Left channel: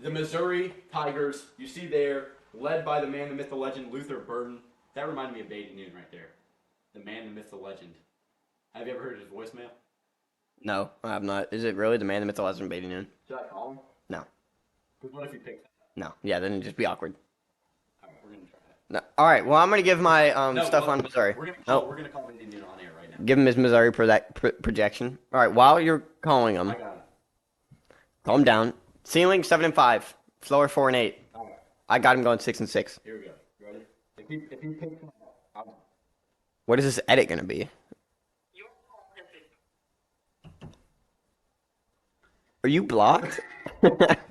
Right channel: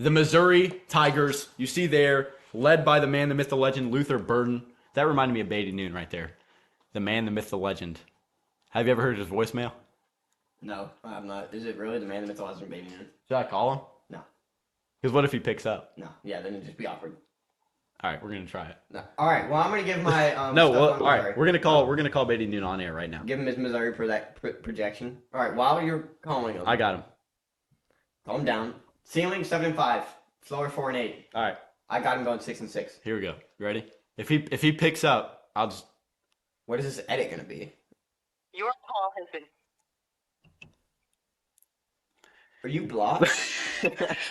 The Missouri Tigers, you see there, led by the man, the myth, the legend, Luther Burden. That reminded me of Beatty Noon right there. The man, the myth, the legend. Have you ever heard his voicemail? No, I have not. Is it really the man, the myth, the legend, Baby Noon? Should I call him? No. Because what if he picks up? No. Yeah, then it'd just be awkward. All right, we're gonna try it. No. All right. Well, I'm gonna give my No, stuff well, on. all right, Sorry. we're gonna call Beatty Noon on air right now. Give him his Missouri projection. All right. While you're calling him, I got him. calm down. Ceiling 7-5. Floor 4-8. All right, I got him going 6-6. here we go. You ready? If he picks up, I'll just. What is this edit gonna be? Your call has been. Are you blocked?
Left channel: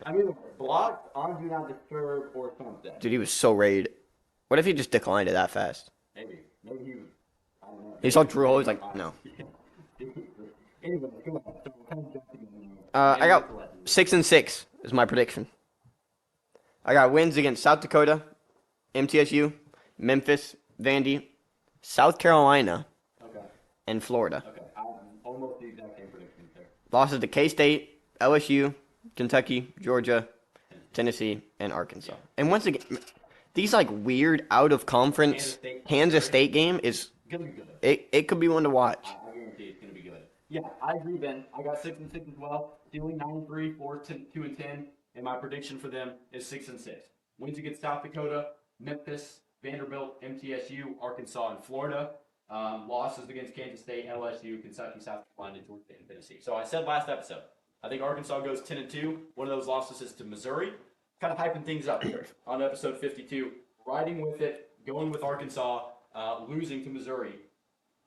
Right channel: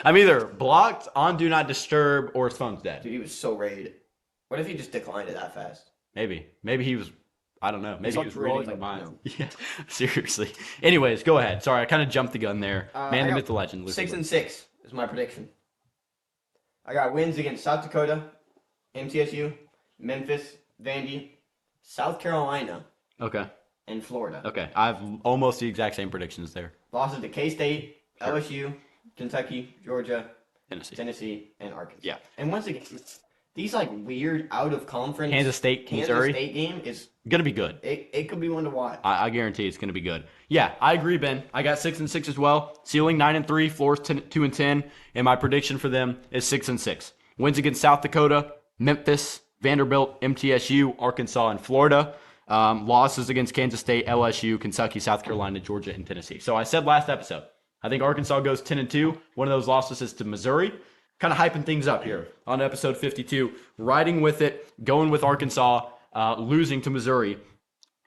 I'm either blocked, on do not disturb, or his phone's dead. Dude, he was so raid. What if he just declined it that fast? Maybe he was. I don't know. Maybe He saw was Drew reading always my like, mind. no. Yeah, seriously. Anyways, go ahead. Sorry, I kind of jumped the gun there. Man, I got myth, the legend. 6-6 is my prediction. I got wins against South Dakota, MTSU, Memphis, Vandy, South Carolina, Okay. and Florida. Okay. I have almost the exact same predictions there. Losses to K-State, LSU, Kentucky, Georgia, Tennessee. Tennessee, and Arkansas. Yeah. And once again, these like weird out of conference Kansas State, Kansas Missouri. State game is Gonna be good. it could be one to watch. I guarantee it's gonna be good. Yeah, I agree, Ben. I got 6-6 as well. Ceiling 9-3, floors 2-10, and my prediction for them is 6-6. Wins against South Dakota, Memphis, Vanderbilt, MTSU, Arkansas, and Florida. Losses against Kansas State, LSU, Kentucky, South Carolina, Georgia, and Tennessee. So I said last episode, I think Arkansas goes 10-2. One of those losses is to Missouri. Kind of hyping things up here on episode 52. Riding with it, going with Arkansas, losing to Missouri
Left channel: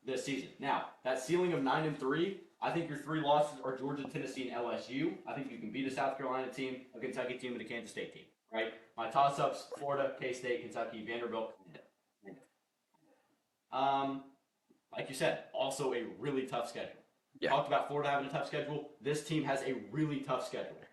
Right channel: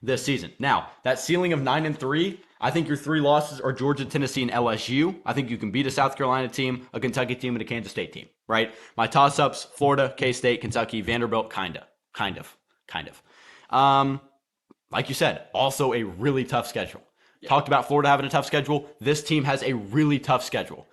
this season. Now, that ceiling of 9-3, I think your three losses are Georgia, Tennessee, and LSU. I think you can beat a South Carolina team, a Kentucky team, and a Kansas State team, right? My toss-ups, Florida, K-State, Kentucky, Vanderbilt, kind of. Like you said, also a really tough schedule. Yeah. Talked about Florida having a tough schedule. This team has a really tough schedule.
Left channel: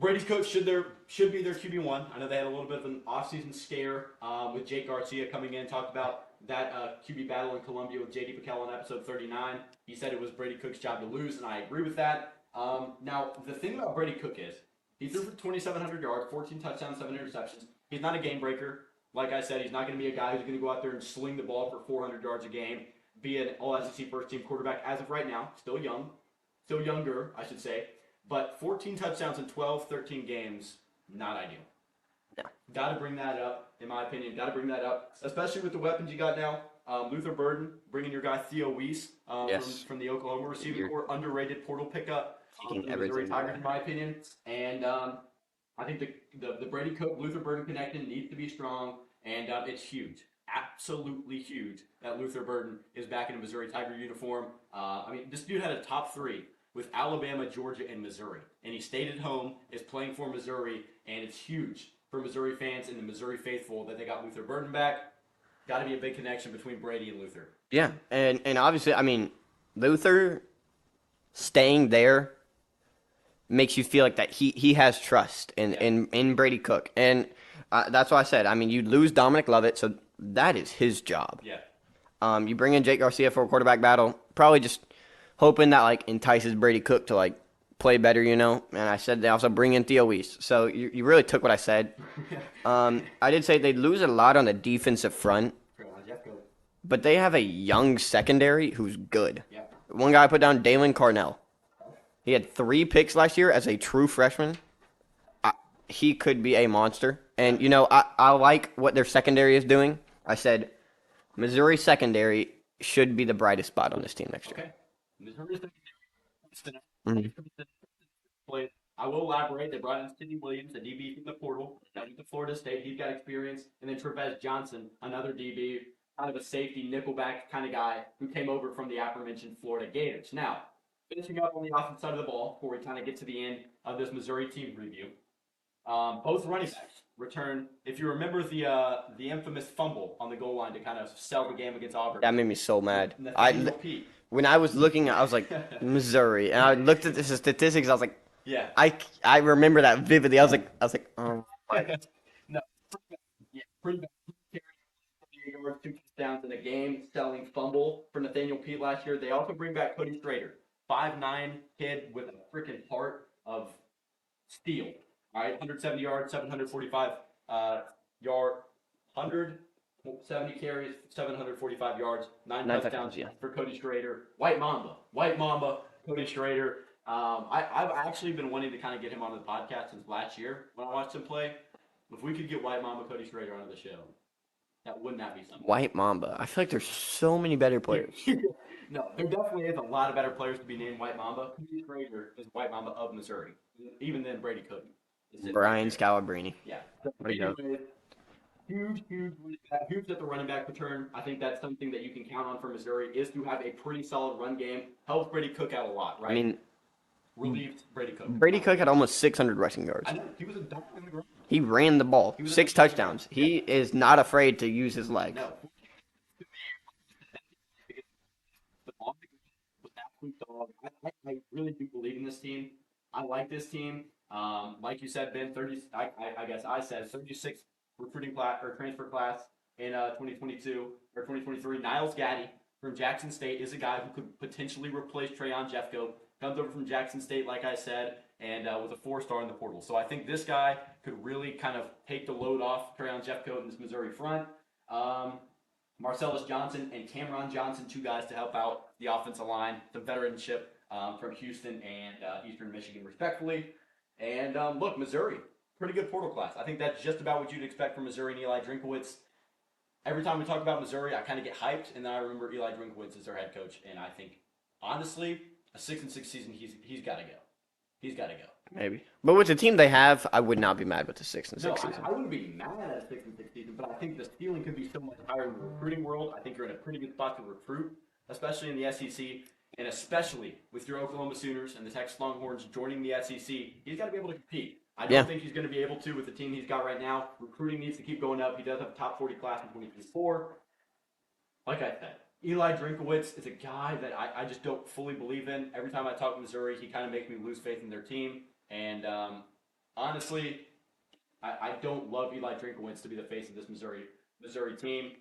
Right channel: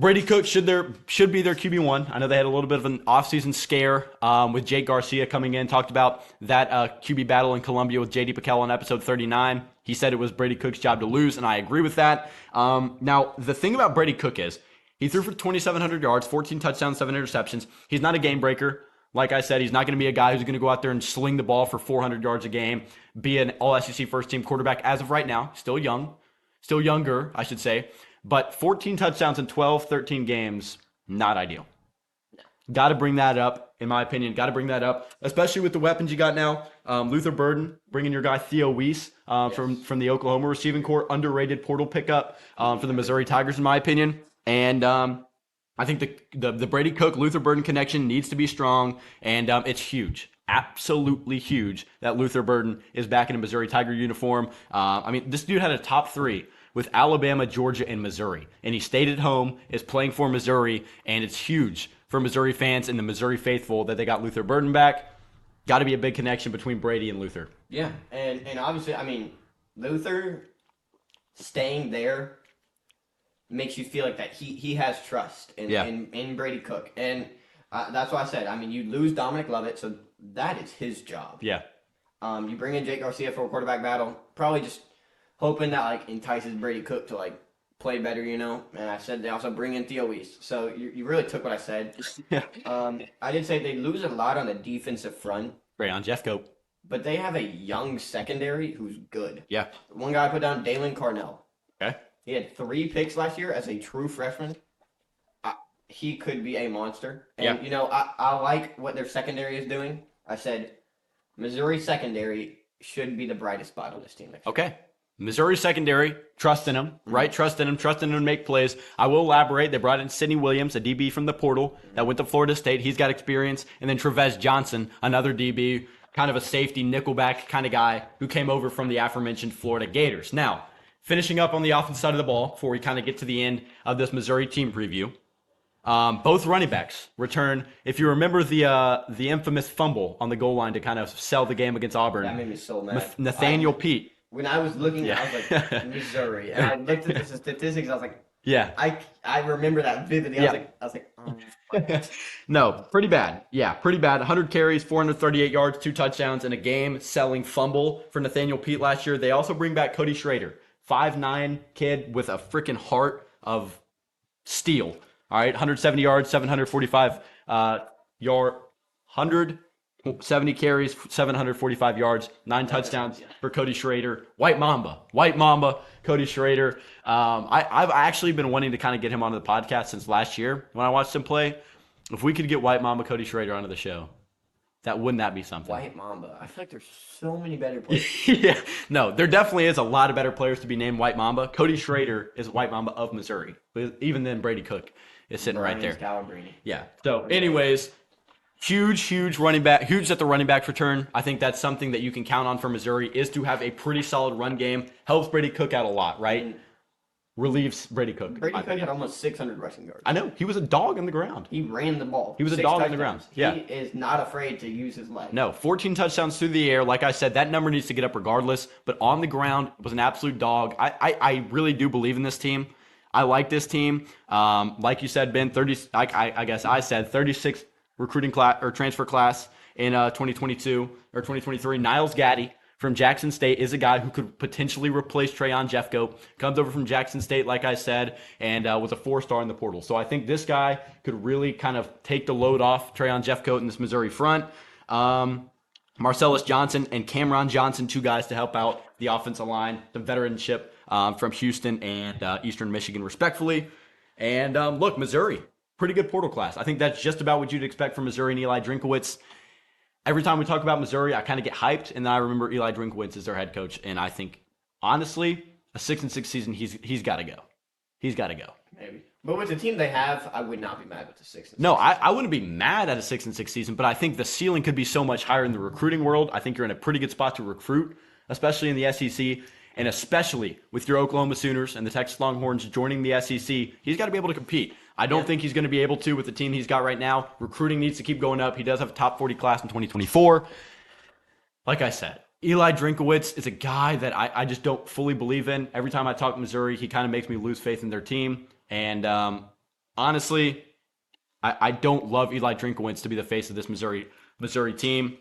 Brady Cook should be their QB1. I know they had a little bit of an offseason scare with Jake Garcia coming in. Talked about that QB battle in Columbia with J.D. Pickell on episode 39. He said it was Brady Cook's job to lose, and I agree with that. Now, the thing about Brady Cook is he threw for 2,700 yards, 14 touchdowns, 7 interceptions. He's not a game breaker. Like I said, he's not going to be a guy who's going to go out there and sling the ball for 400 yards a game, be an all-SEC first-team quarterback as of right now. Still younger, I should say. But 14 touchdowns in 12, 13 games, not ideal. No. Got to bring that up, in my opinion. Got to bring that up, especially with the weapons you got now. Luther Burden, bringing your guy Theo Weiss from the Oklahoma receiving corps, underrated portal pickup for the Missouri Tigers, in my opinion. And I think the Brady Cook, Luther Burden connection needs to be strong, and it's huge. Absolutely huge that Luther Burden is back in a Missouri Tiger uniform. I mean, this dude had a top 3 with Alabama, Georgia, and Missouri. And he stayed at home, is playing for Missouri, and it's huge for Missouri fans and the Missouri faithful that they got Luther Burden back. Got to be a big connection between Brady and Luther. Yeah, and obviously, I mean, Luther staying there makes you feel like that he has trust in Brady Cook. And that's why I said, I mean, you lose Dominic Lovett, so that is his job. Yeah. You bring in Jake Garcia for a quarterback battle, probably just hoping that like entices Brady Cook to like play better, you know. And I said they also bring in Theo Weiss. So you really took what I said. I did say they lose a lot on the defensive front, Great on Jeff Cope. but they have a young secondary who's good. Yeah. One guy I put down, Dalen Carnell. Okay. He had 3 picks last year as a true freshman. He could be a monster. And, Yeah. you know, I like what their secondary is doing. I said Missouri secondary should be the brightest spot on this team next year. Okay. Missouri secondary, trust in him, right? Trust in him to make plays. I will elaborate. They brought in Sidney Williams, a DB from the portal that went to Florida State. He's got experience. And then Trevez Johnson, another DB, kind of a safety, nickelback kind of guy who came over from the aforementioned Florida Gators. Now, finishing up on the offensive side of the ball before we kind of get to the end of this Missouri team preview. Both running backs return. If you remember the infamous fumble on the goal line to kind of sell the game against Auburn. That made me so mad. Nathaniel Pete. When I was looking, I was like, Missouri. And I looked at the statistics. I was like, Yeah. I remember that vividly. I was Yeah. like, oh. No, pretty bad. Yeah, pretty bad. 100 carries, 438 yards, 2 touchdowns, and a game-selling fumble for Nathaniel Pete last year. They also bring back Cody Schrader, 5'9" kid with a freaking heart of steal. All right, 170 yards, 745 yard, 170 carries, 745 yards, nine touchdowns for Cody Schrader. White Mamba, Cody Schrader. I've actually been wanting to kind of get him onto the podcast since last year when I watched him play. If we could get White Mamba Cody Schrader onto the show, wouldn't that be something? White Mamba. I feel like there's so many better players. Yeah, no, there definitely is a lot of better players to be named White Mamba. Cody Schrader is White Mamba of Missouri. But even then, Brady Cook is sitting Brian right there. Scalabrine. Yeah. So, anyways, huge running back, huge at the running back return. I think that's something that you can count on for Missouri is to have a pretty solid run game. Helps Brady Cook out a lot, right? I mean, Relieves Brady Cook. Brady Cook had almost 600 rushing yards. I know. He was a dog on the ground. He ran the ball. He was a 6 dog on the touchdowns. ground. He is not afraid to use his leg. No, 14 touchdowns through the air. Like I said, that number needs to get up regardless. But on the ground, was an absolute dog. I really do believe in this team. I like this team. Like you said, Ben, 30. I guess I said 36 recruiting class or transfer class in 2022 or 2023. Niles Gaddy from Jackson State is a guy who could potentially replace Trayon Jeffcoat. Comes over from Jackson State, like I said, and was a 4-star in the portal. So I think this guy could really kind of take the load off Trayon Jeffcoat in this Missouri front. Marcellus Johnson and Cameron Johnson, 2 guys to help out the offensive line, some veteranship from Houston and Eastern Michigan, respectfully. And look, Missouri, pretty good portal class. I think that's just about what you'd expect from Missouri and Eli Drinkowitz. Every time we talk about Missouri, I kind of get hyped, and then I remember Eli Drinkowitz as their head coach, and I think, honestly, a 6-6 season, he's got to go. He's got to go. Maybe. But with the team they have, I would not be mad with the 6-6 No, season. I wouldn't be mad at a 6-6 season, but I think the ceiling could be so much higher in the recruiting world. I think you're in a pretty good spot to recruit, especially in the SEC, and especially with your Oklahoma Sooners and the Texas Longhorns joining the SEC. He's got to be able to compete. I don't think he's going to be able to with the team he's got right now. Recruiting needs to keep going up. He does have a top 40 class in 2024. Like I said, Eli Drinkowitz is a guy that I just don't fully believe in. Every time I talk Missouri, he kind of makes me lose faith in their team. And honestly, I don't love Eli Drinkowitz to be the face of this Missouri team.